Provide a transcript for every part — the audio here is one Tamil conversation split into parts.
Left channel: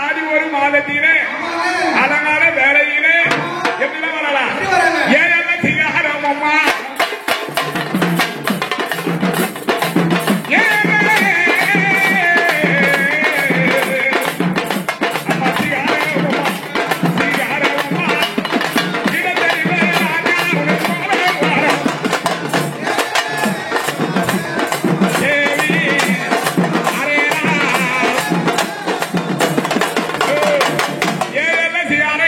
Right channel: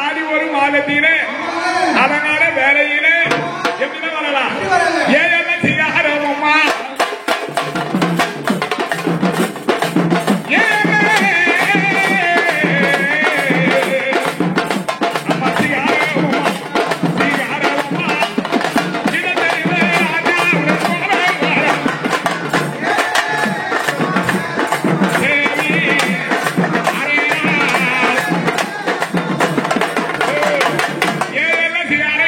ஆடி ஒரு மாதத்திலே அதனால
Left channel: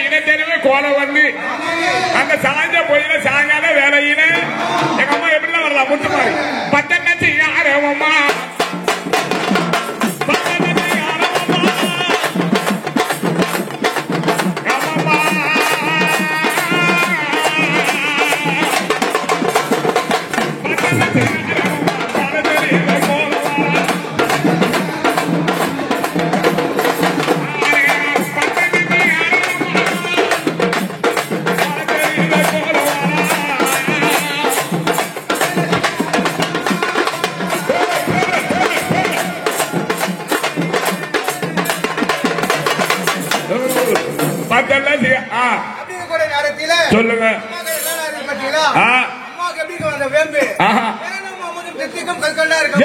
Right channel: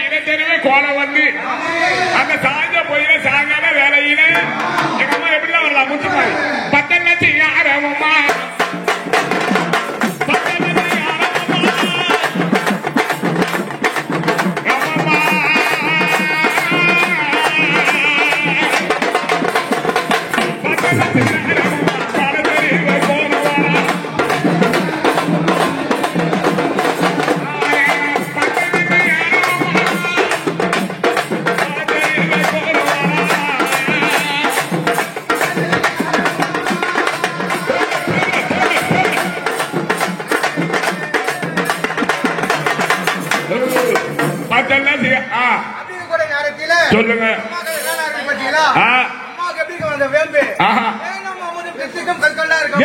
இனத்தெருவே கோலம் வந்து அந்த சாஞ்ச போயில சாங்காத வேலையில எங்க அம்மா எப்படிதான் வரலாம் முத்துமாரி பத்தங்கச்சி யாரவம்மா சொல்லுங்க அம்மாவுக்கு எப்படி வந்த வேம்பு கற்கண்டா இருக்கு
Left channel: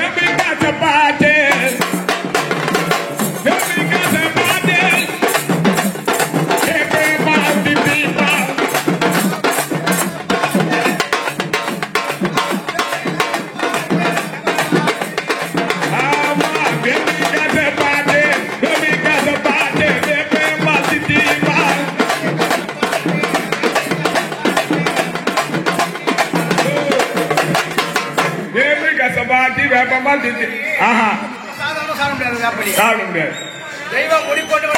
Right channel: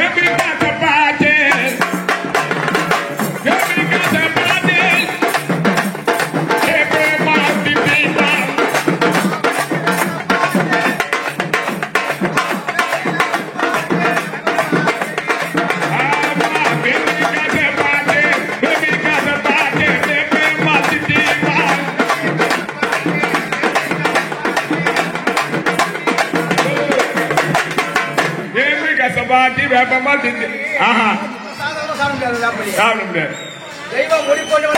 தெய்வம் மொழி கொண்டு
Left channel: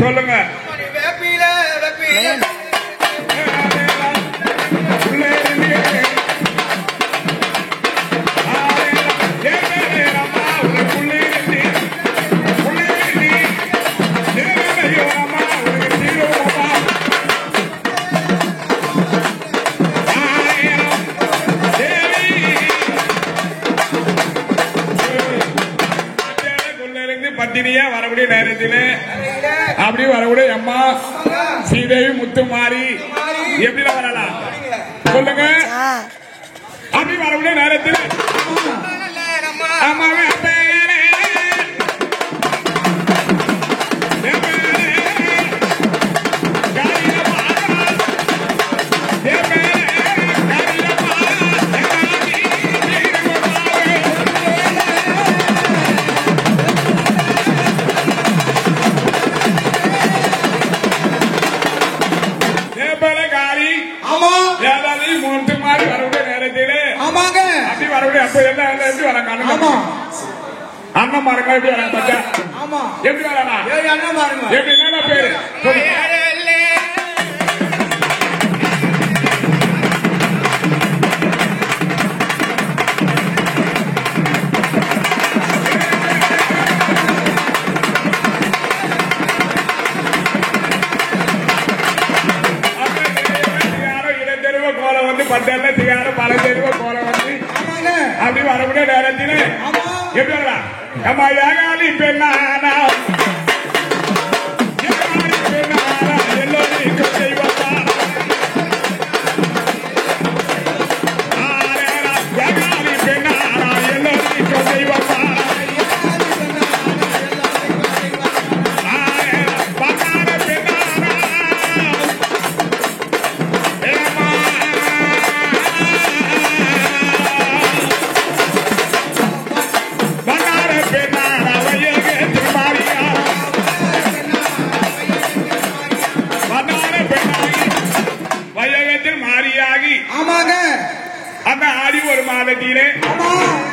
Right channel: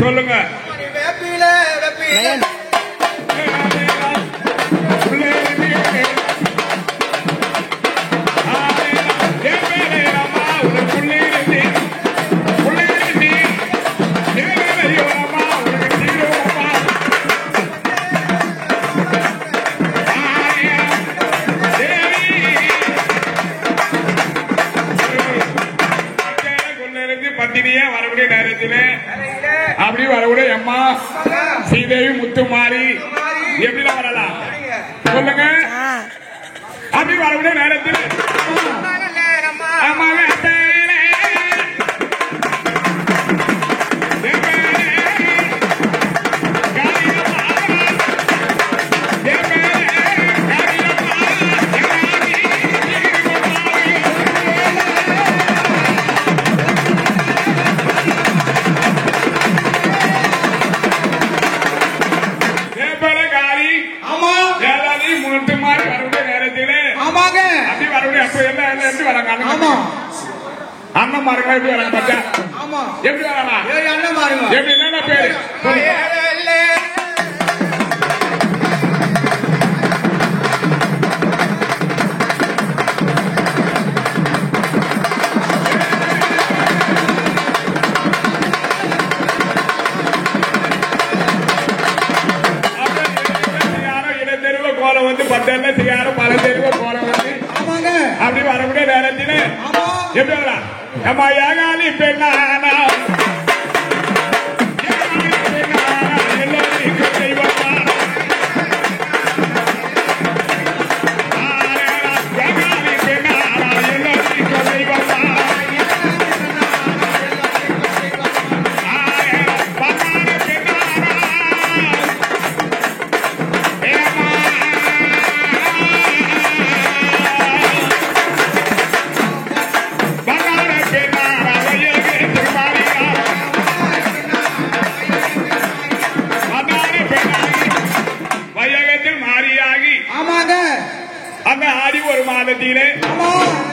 சொல்லுங்க வேப்பில வரக்கூடிய நேரத்தில் அப்படி வரக்கூடிய அம்மா ஸ்ரீதேவி முத்துமாரி எப்படி வரலாம் சொல்லுங்க அப்படி வரக்கூடிய நேரத்தில் அண்ணன் மாருங்க எப்படி வரலாம் அண்ணன் மாருங்க எப்படி என்ன பேரு இடத்தெருவு கோலம் வந்து பத்தெல்லாம் தெரியாத பல தெருவு கோலம் வந்து அப்படி வரக்கூடிய நேரத்தில் எப்படி வரலாம் நம்ம ஏகாலி பெண்ணானா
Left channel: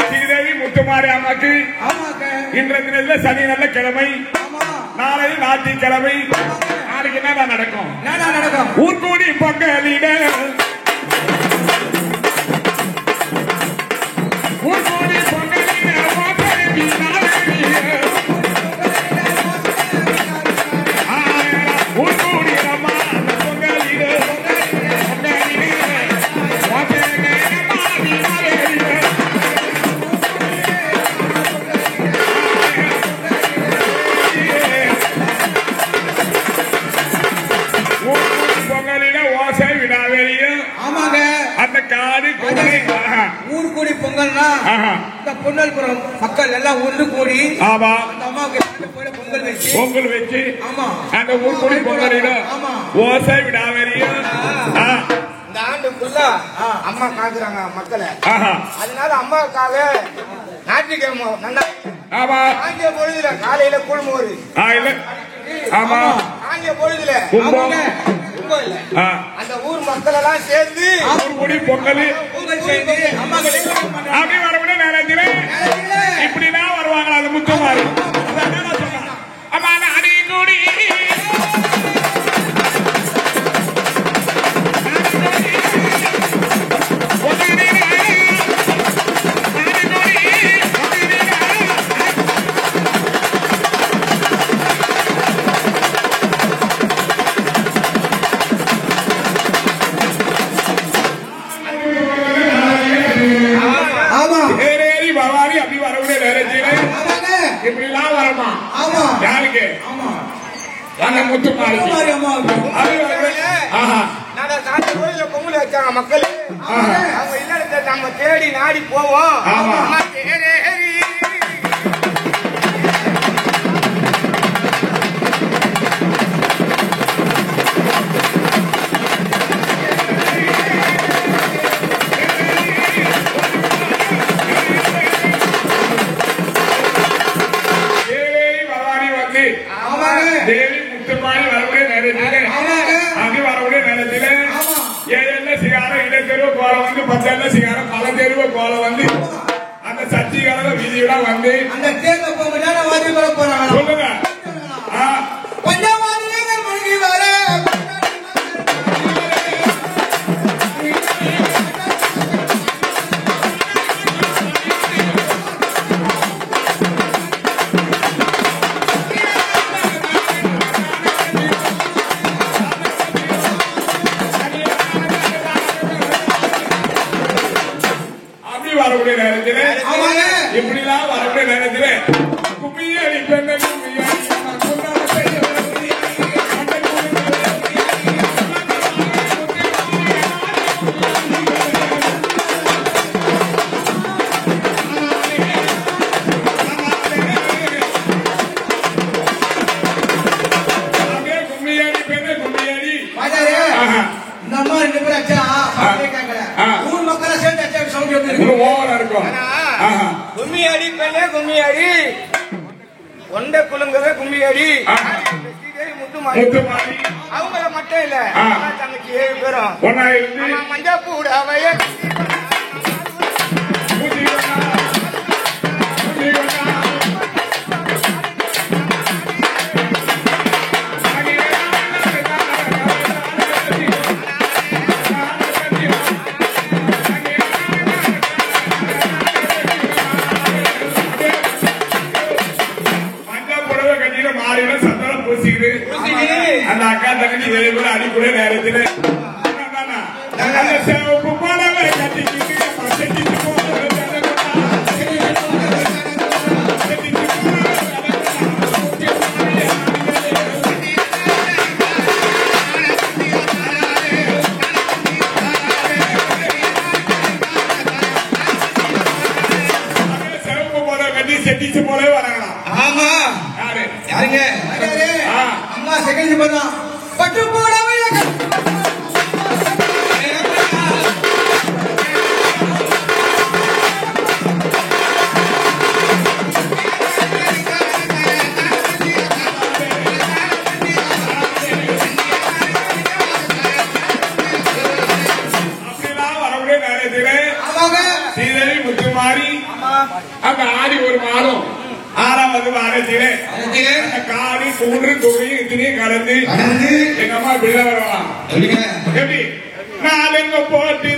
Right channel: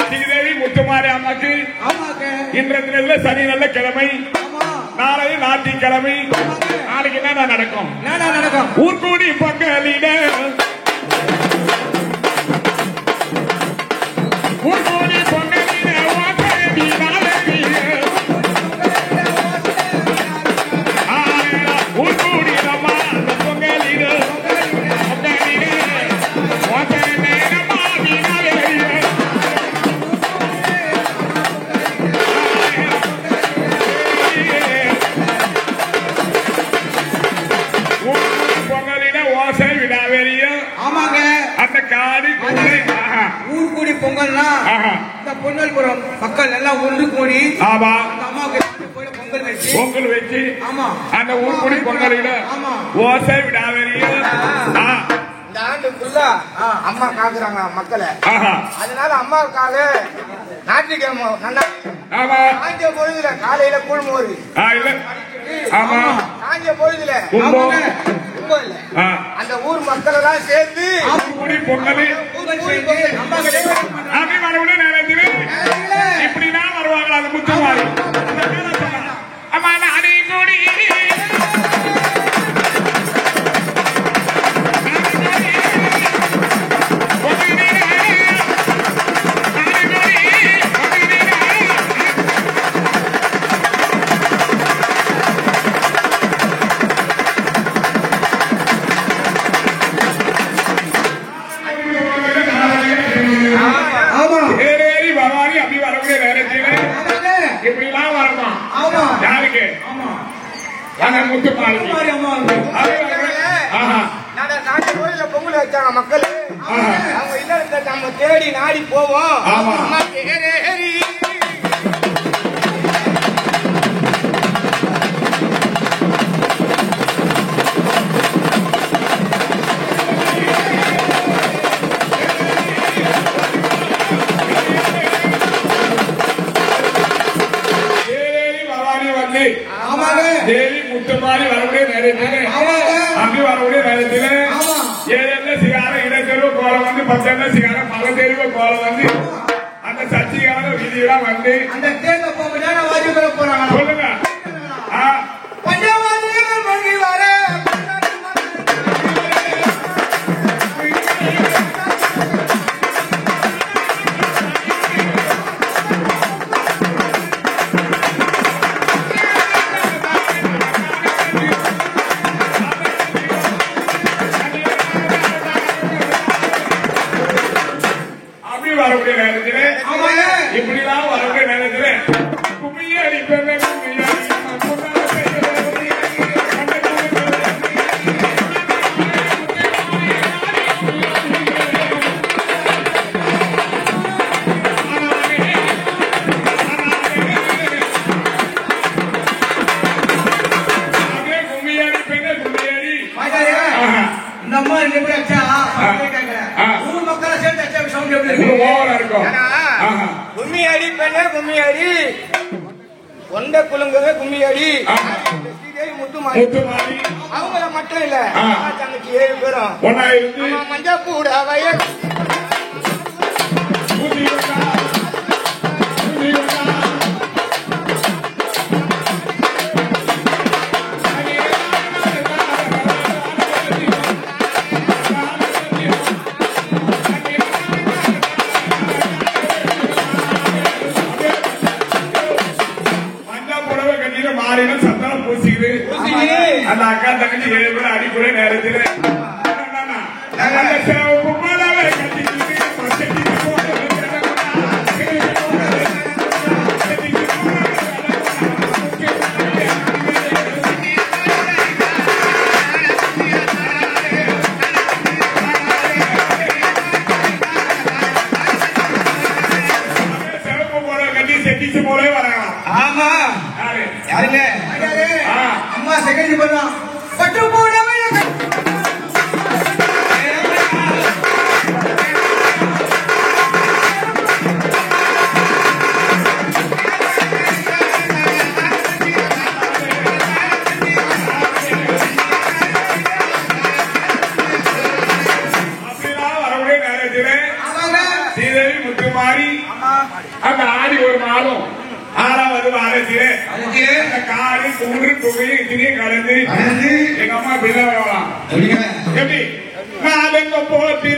ஸ்ரீதேவி முத்துமாரி அம்மாக்கு இன்றைய சனி நல்ல கிழமை நாளை ஞாயிற்றுக்கிழமை நாளைக்கு என்ன நடக்கும் ஊர்கூடி பொங்கலிட ஊர்கூடி பொன்னல்புரம் மக்கள் எல்லாம் ஒன்று கூடி அம்மாவுக்கு பொங்கல் வச்சு அந்த ஊர் கூடி பொங்கலிட ஓசை விடாதீங்க. இந்த ஆண்டு ஃபுல்லா அம்மா காக்குறாங்க மக்களை. அதனால அம்மாவுக்காக ஞாயிற்றுக்கிழமை நல்லா ஆமா காஞ்ச பொழுதுல காலையில குழுமோரு ஆமா காஞ்ச பொழுதுல இல்ல அந்த ஊர் மக்கள் எல்லாம் சேர்ந்து பொங்கல் அப்படி மறுபடியும் நேரத்தில் இப்படிதான் வருவாங்க. அது முத்தமாரி ஆமா அடி கூடி இப்படிலாம் வரமா யாருக்கு முத்து மாறி பொங்கல் வச்சாங்க மக்கள். அவங்க இல்லத்தை நம்ம தேடி நாடி போவோம். தேவி முத்துமாரி வரவுடைய நேரத்தில் அப்படி வரவுடைய நேரத்தில் ஏழு சிகார இடத்தெருவு கோலம் வந்து 10 சிகார பல தெருவு கோலம் வந்து அந்த சச்சிகார வீதியெல்லாம் வந்து அந்த தேர்தல் போறாங்க சொல்லுங்க. வரக்கூடிய நேரத்தில் இப்படிலாம் வரக்கூடிய நேரத்தில் கும்மியடி பெண்ண கும்மியடி பெண்ண கும்மியடி நம்ம 2 பேரும் அச்சா ஊர் மக்களை சேர்ந்து ஓவரா இருக்கும். கும்மியடி பெண்ணே கும்மியடி ஒண்ட குலுங்கவே கும்மியடி முத்துமாரி அவங்கள மட்டும் இல்ல தங்கச்சி 7 பேரும் மஞ்சா கூட அவைய மாறின சத்தம் பூசிக்குது. அந்த அக்கா தங்கச்சி 7 பேரும் அடிக்கூட நேரத்தில் சிவப்பு படவை கட்டிக்கிட்டு சிவப்பு படவை கட்டி செட்டிச்சு போலே வராங்க. ஆமா யாருங்க அம்மா செகண்ட் பண்ணா பட்டு போடவே அப்படிலாம் வரக்கூடிய நேரத்தில் ஸ்ரீதேவி முத்துமாரி அந்த ஆடி ஒரு மாதம் 6வது வாரத்திலே காரி தூண்டு துணியும் இத்தனையும் கலந்து எங்க அம்மா பிள்ளை வரலாம் எப்படி நாலெங்க போட்டு